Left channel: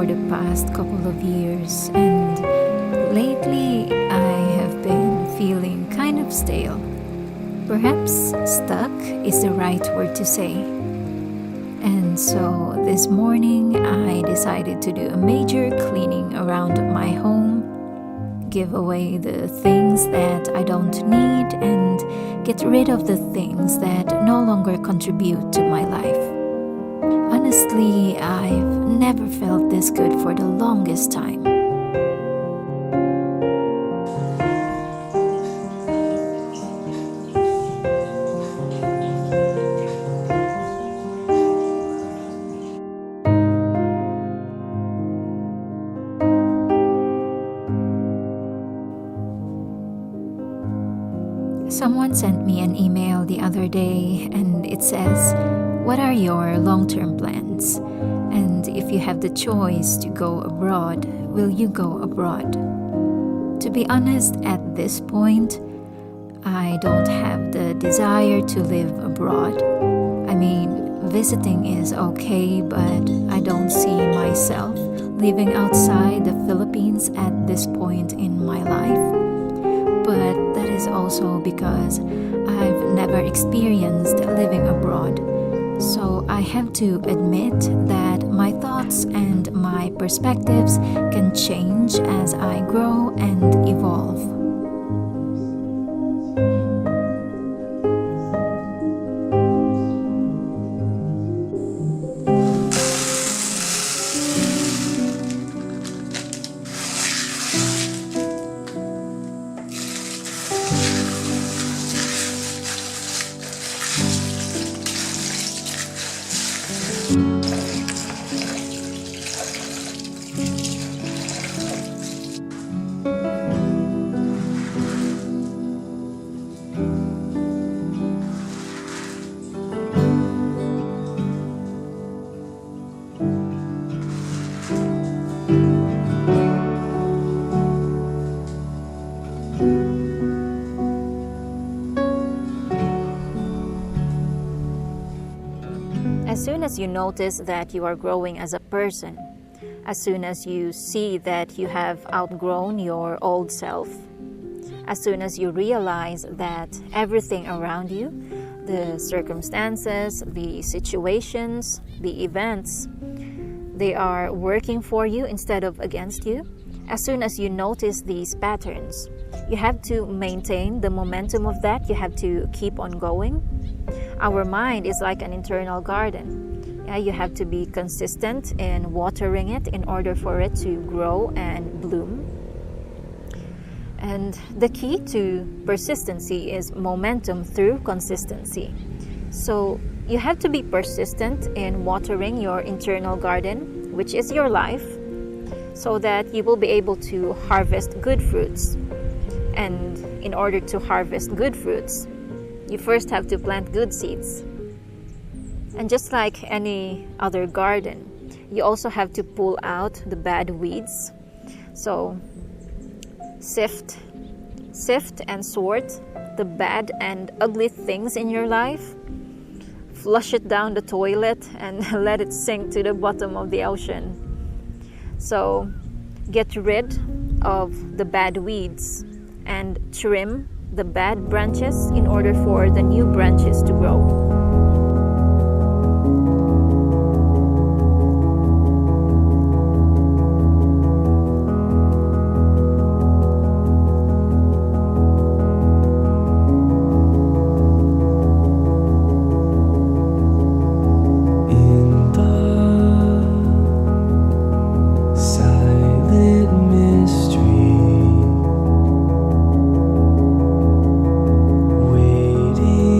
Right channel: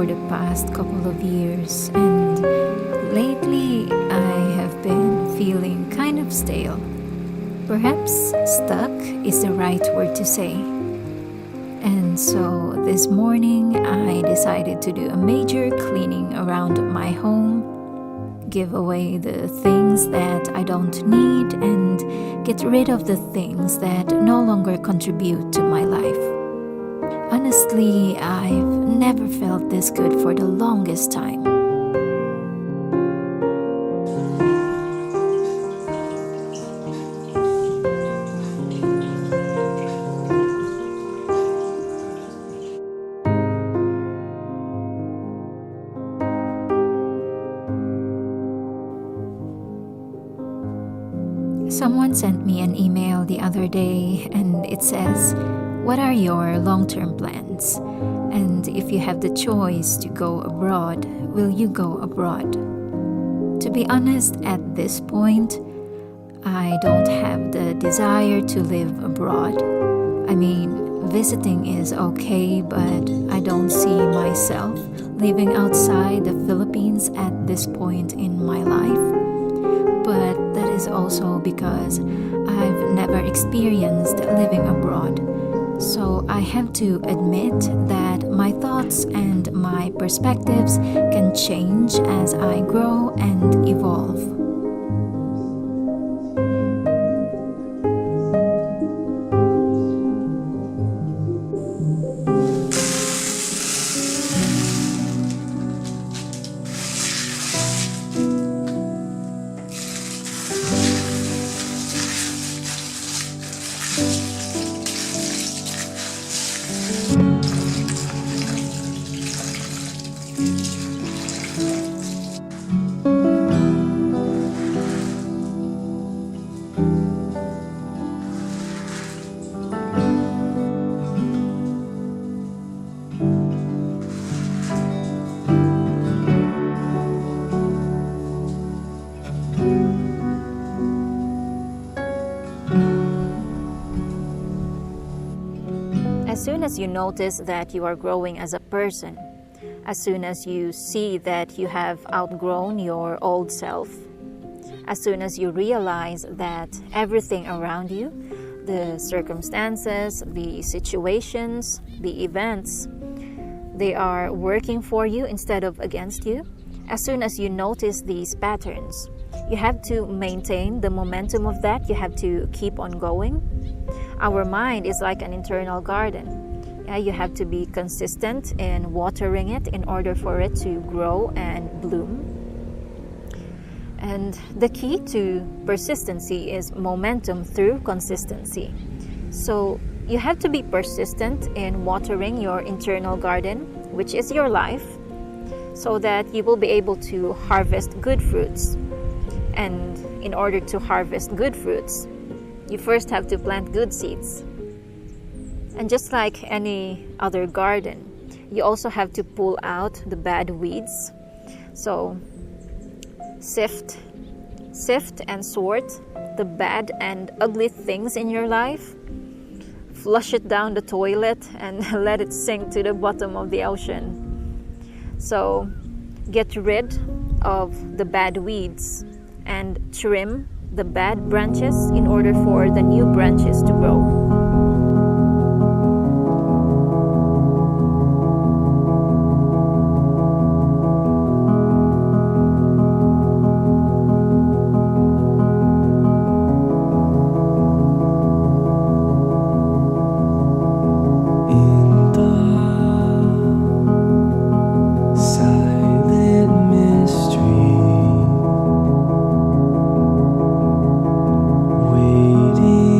for the past couple of years, and lately I have been feeling kind of stale. Perhaps stuck is the right word to say. And so this morning I decided to do a major cleaning around my home, give away the things that I don't need, and get rid of the things that no longer contribute to my life. Honestly, I've never felt this good for the longest time. Someone sent me an email the other day and it says, "What are your long-term plans? And if you have the choice to go abroad, will you go abroad?" To be honest, at this point, I don't have the desire to live abroad. I mean, visiting is okay, but I don't see myself living outside the Philippines at this point in my life. But that is also because I've never experienced living abroad. So I have to admit that my thoughts and my perspectives can change as I grow and evolve. As soon as you notice that you are growing as a person, as soon as you see that you have outgrown your old self, as soon as you realize that everything around you, the circumstances, the situations, the events, they are working for you instead of against you, as soon as you notice these patterns, you have to maintain the momentum of that. You have to keep on going. Our mind is like an internal garden. You have to be consistent in watering it in order for it to grow and bloom. And the key to persistency is momentum through consistency. So you have to be persistent in watering your internal garden, which is your life, so that you will be able to harvest good fruits. And in order to harvest good fruits, you first have to plant good seeds. And just like any other garden, you also have to pull out the bad weeds. So sift and sort the bad and ugly things in your life. Flush it down the toilet and let it sink to the bottom of the ocean. So get rid of the bad weeds and trim the bad branches in order for the new branches to grow. In the silent mystery, waiting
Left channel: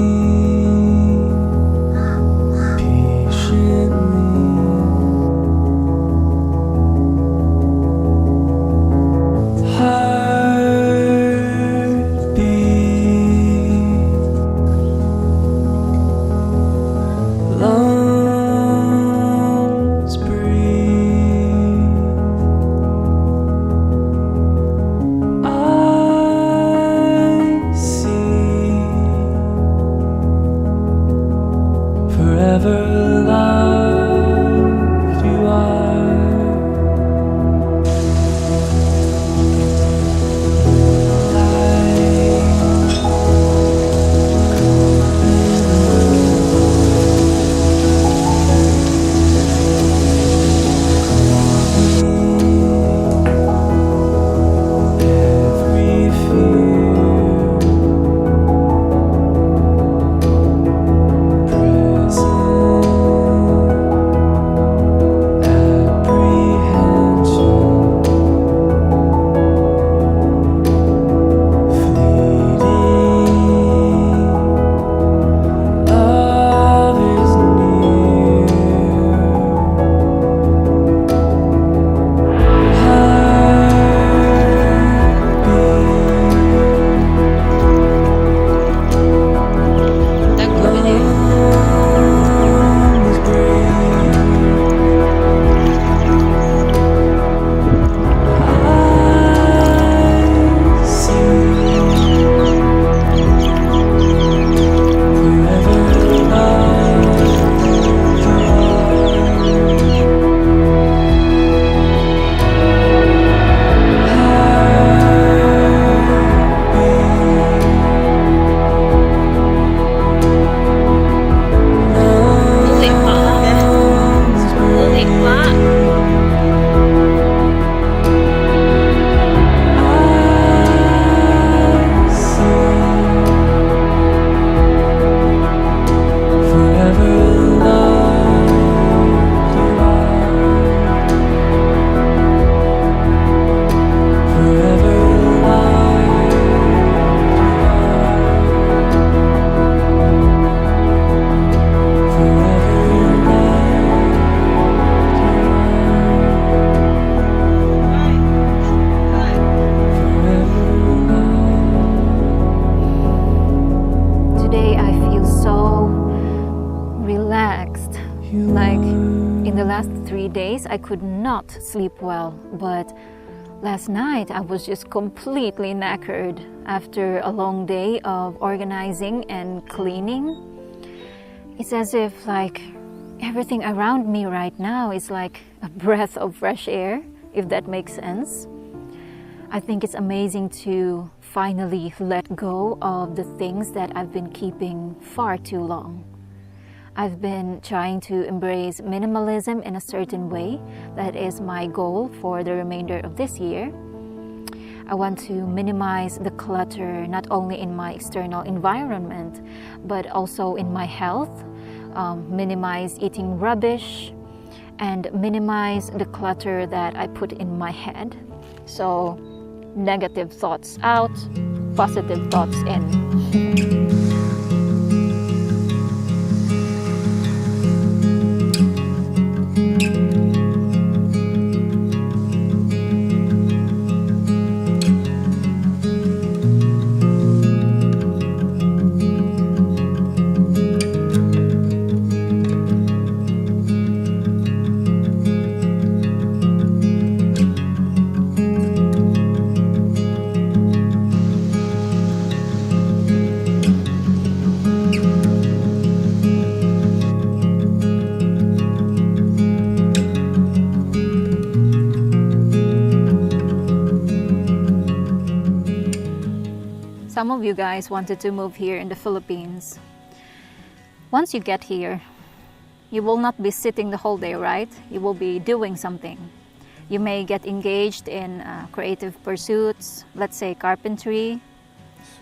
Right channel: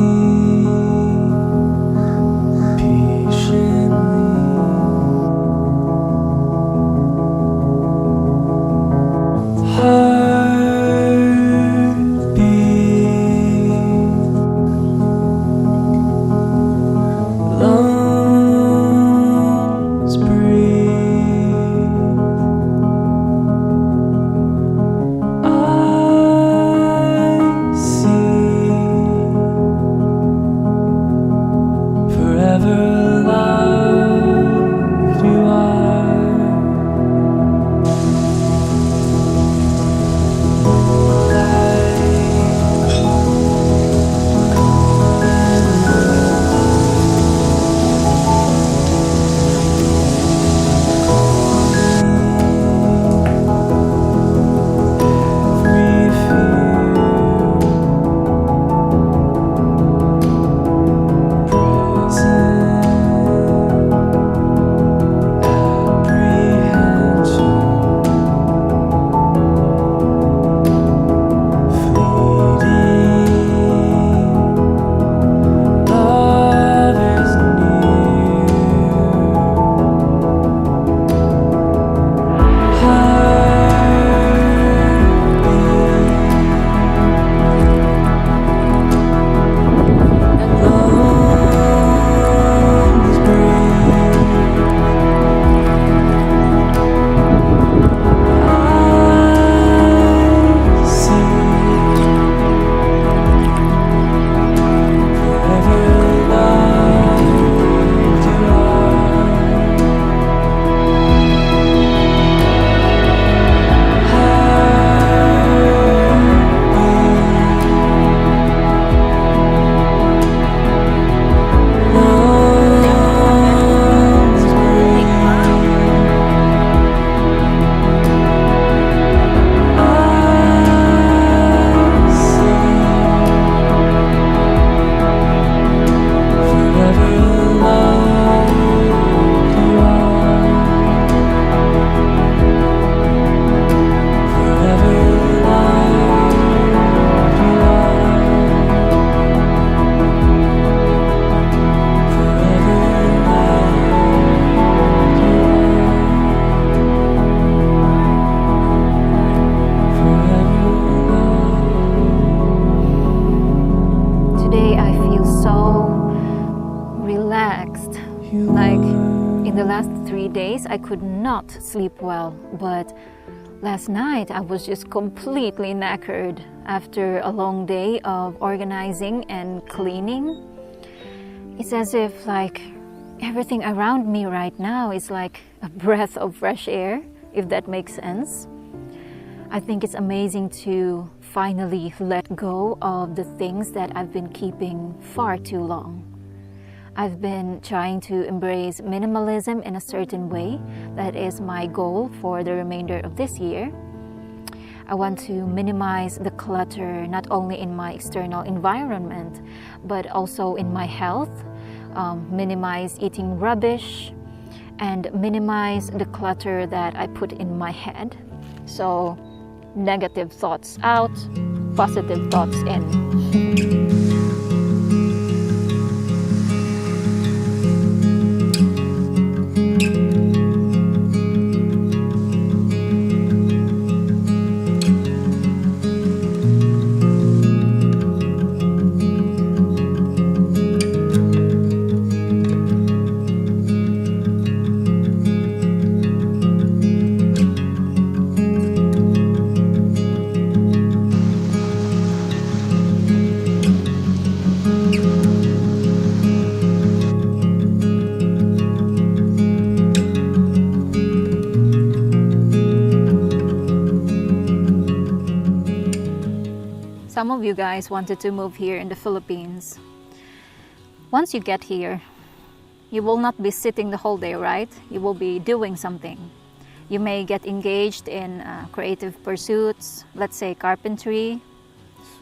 the last 3 days, I could not sleep well, but last night I was just completely knackered after a long day of organizing and cleaning. It's as if like everything around me right now is like a breath of fresh air, if that makes sense. I think it's amazing to finally let go of the things that I've been keeping far too long. I've been trying to embrace minimalism in a certain way. That is my goal for the remainder of this year. I want to minimize the clutter not only in my external environment, but also in my health, minimize eating rubbish, and minimize the clutter that I put in my head. So, negative thoughts out, positive thoughts in. Some of you guys wanted to move here in the Philippines. Once you get here, you will not be sitting the whole day, right? You will be doing something. You may get engaged in creative pursuits, let's say carpentry.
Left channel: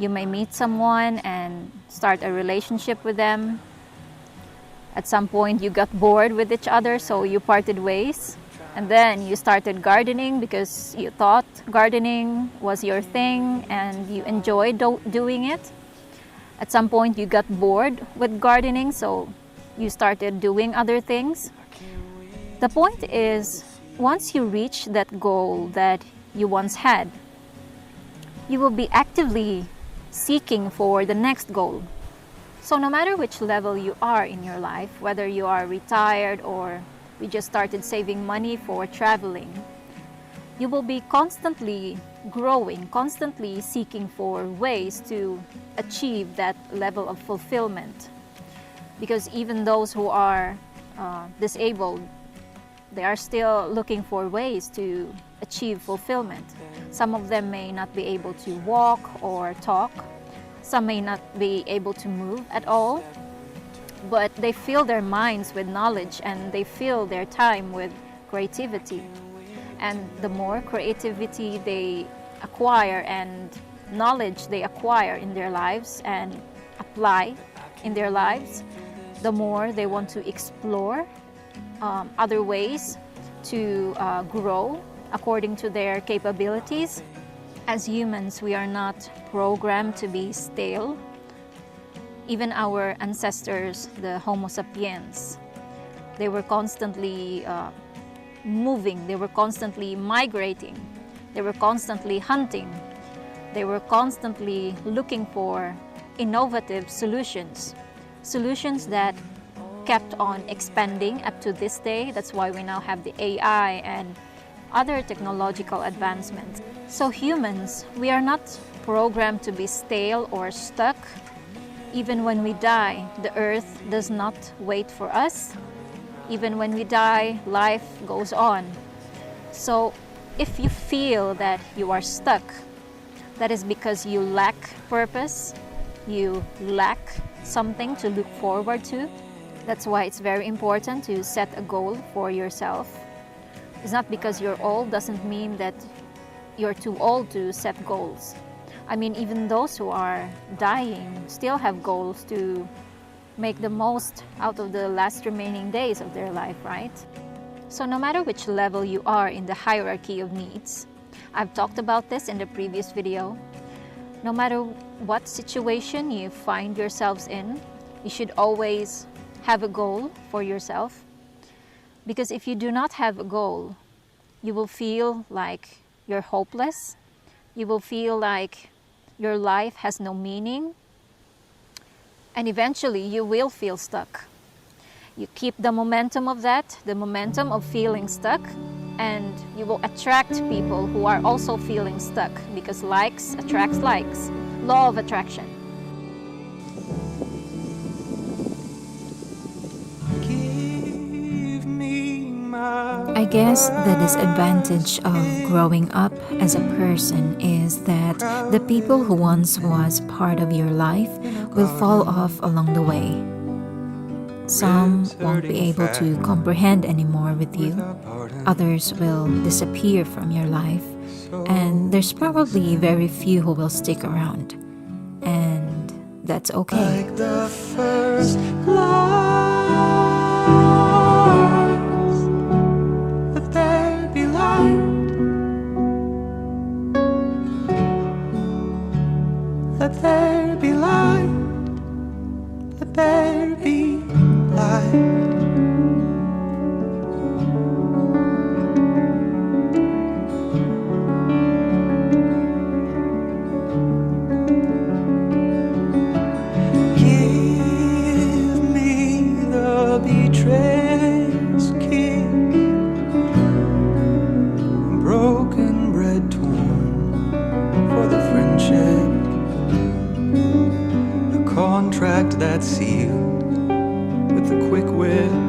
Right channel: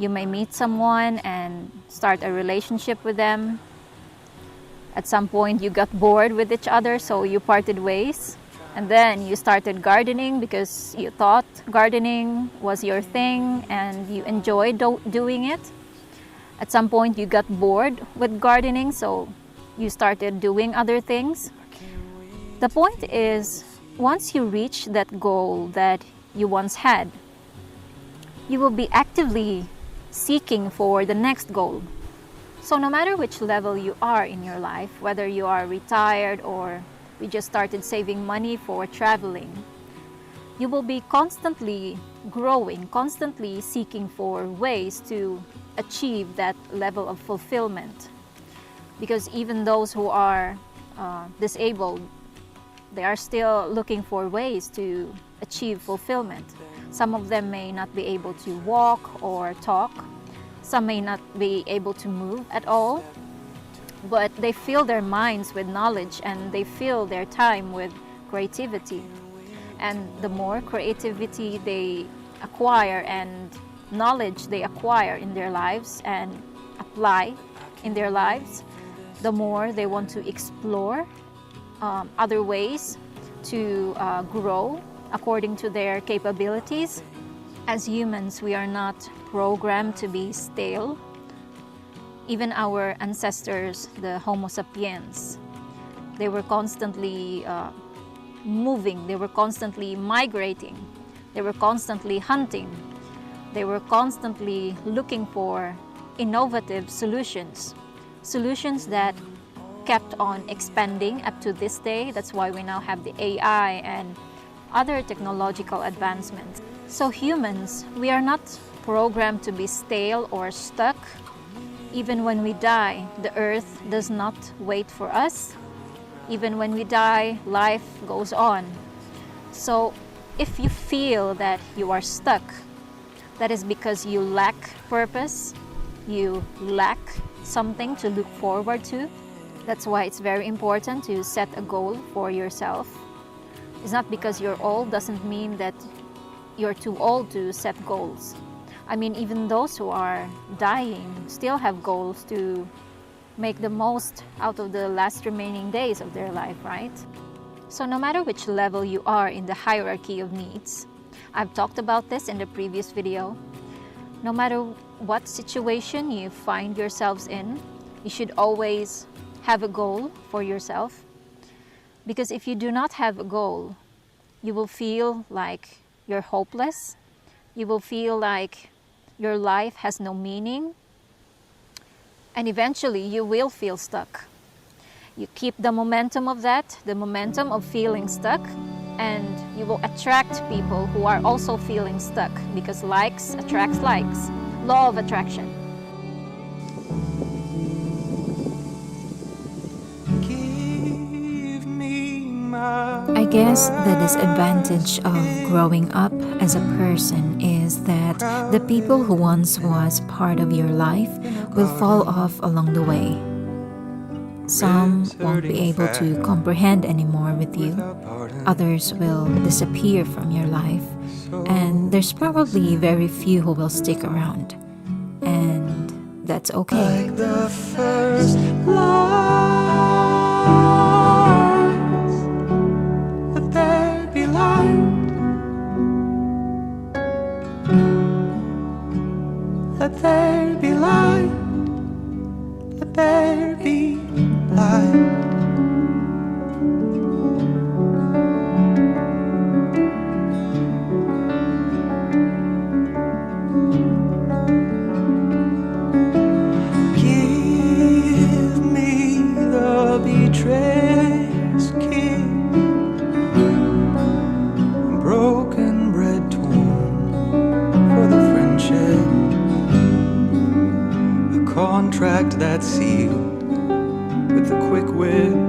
You may meet someone and start a relationship with them. At some point, you got bored with each other, so you parted ways. And then you started gardening because you thought gardening was your thing and you enjoyed doing it. At some point you got bored with gardening, so you started doing other things. The point is, once you reach that goal that you once had, you will be actively seeking for the next goal. So no matter which level you are in your life, whether you are retired or we just started saving money for traveling, you will be constantly growing, constantly seeking for ways to achieve that level of fulfillment. Because even those who are disabled, they are still looking for ways to achieve fulfillment. Some of them may not be able to walk or talk. Some may not be able to move at all. But they fill their minds with knowledge and they fill their time with creativity. And the more creativity they acquire and knowledge they acquire in their lives and apply in their lives, the more they want to explore other ways to grow according to their capabilities. As humans, we are not programmed to be stale. Even our ancestors, the Homo sapiens, they were constantly moving, they were constantly migrating, they were constantly hunting, they were constantly looking for innovative solutions, solutions that kept on expanding up to this day. That's why we now have the AI and other technological advancements. So humans, we are not programmed to be stale or stuck. Even when we die, the earth does not wait for us. Even when we die, life goes on. So if you feel that you are stuck, that is because you lack purpose, you lack something to look forward to. That's why it's very important to set a goal for yourself. It's not because you're old doesn't mean that you're too old to set goals. I mean, even those who are dying still have goals to make the most out of the last remaining days of their life, right? So no matter which level you are in the hierarchy of needs, I've talked about this in the previous video, no matter what situation you find yourselves in, you should always have a goal for yourself. Because if you do not have a goal, you will feel like you're hopeless. You will feel like your life has no meaning. And eventually you will feel stuck. You keep the momentum of that, the momentum of feeling stuck, and you will attract people who are also feeling stuck, because likes attracts likes. Law of attraction. I guess the disadvantage of growing up as a person is that the people who once was part of your life will fall off along the way. Some won't be able to comprehend anymore with you. Others will disappear from your life. And there's probably very few who will stick around. And that's okay. Like the first lights, let there be light. Let there be light. Let there be light. Give me the betrayer's kiss, broken bread torn for the friendship, a contract that's sealed with a quick whip.